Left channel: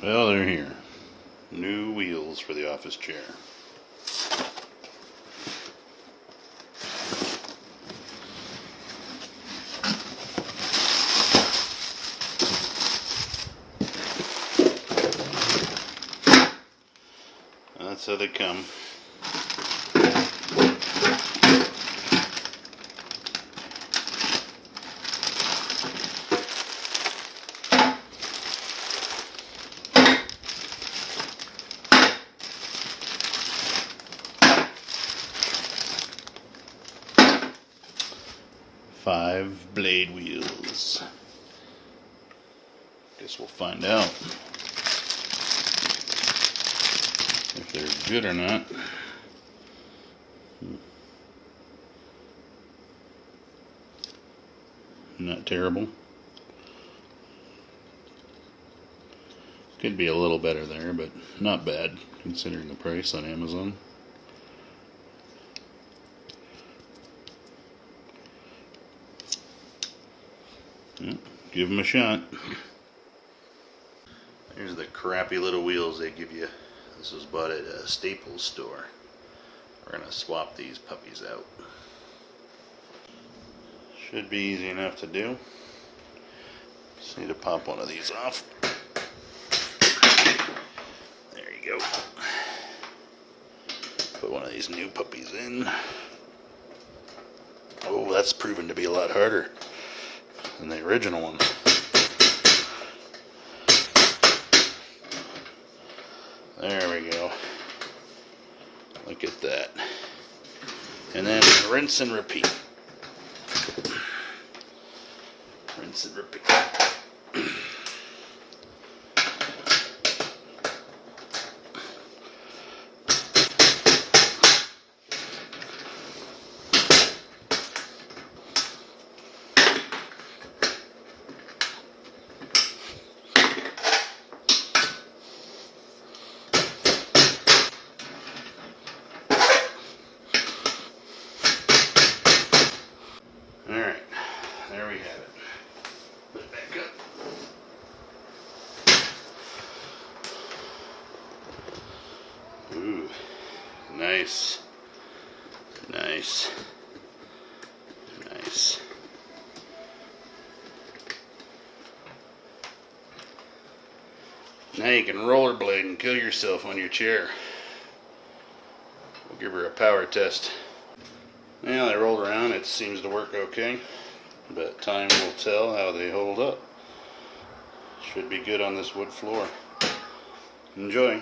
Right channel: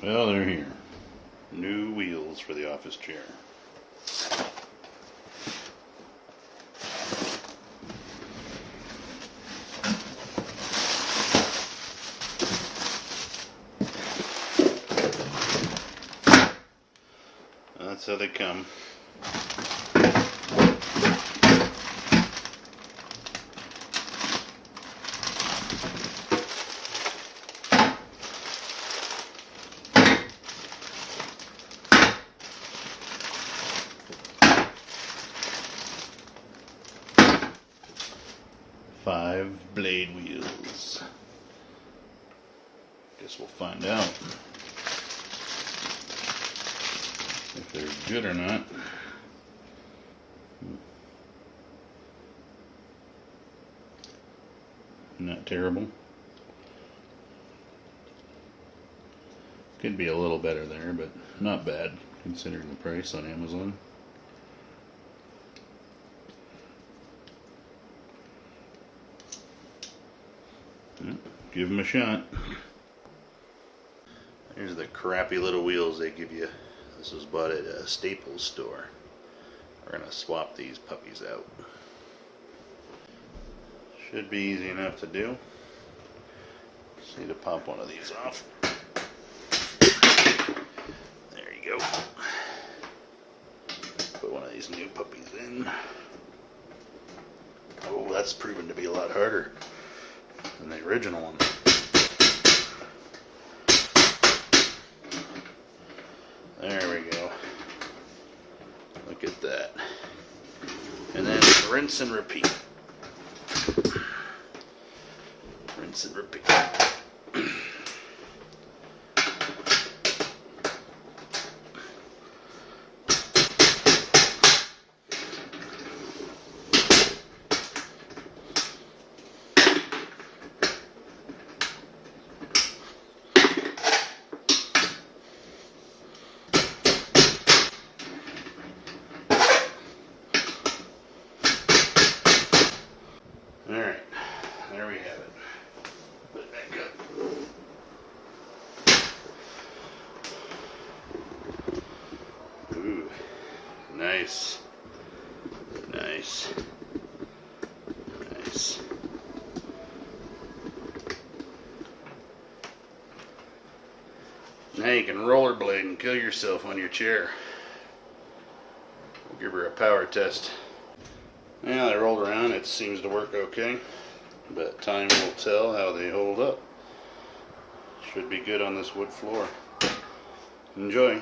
Well, they're here. New wheels for the office chair. That's how they come. Five blade wheels. Guess we'll find out if they're good or not. Not terrible. Could be a little better there, but not bad considering the price on Amazon. Give them a shot. Here's the crappy little wheels they give you. This was bought at a Staples store. We're gonna swap these puppies out. Should be easy enough to do. Just need to pop one of these off. There you go. Put one of these new puppies in. Oh, that's proven to be a lot harder than the original one. There we go. Look at that. And then rinse and repeat. Rinse and repeat. Alright, there we have it. Put it back up. Ooh, nice. Nice. Nice. Now you can rollerblade and kill yourself on your chair. We'll give her a power test. Now they rolled around, it seems to work okay, but time will tell how they hold up. Should be good on this wood floor. Enjoy.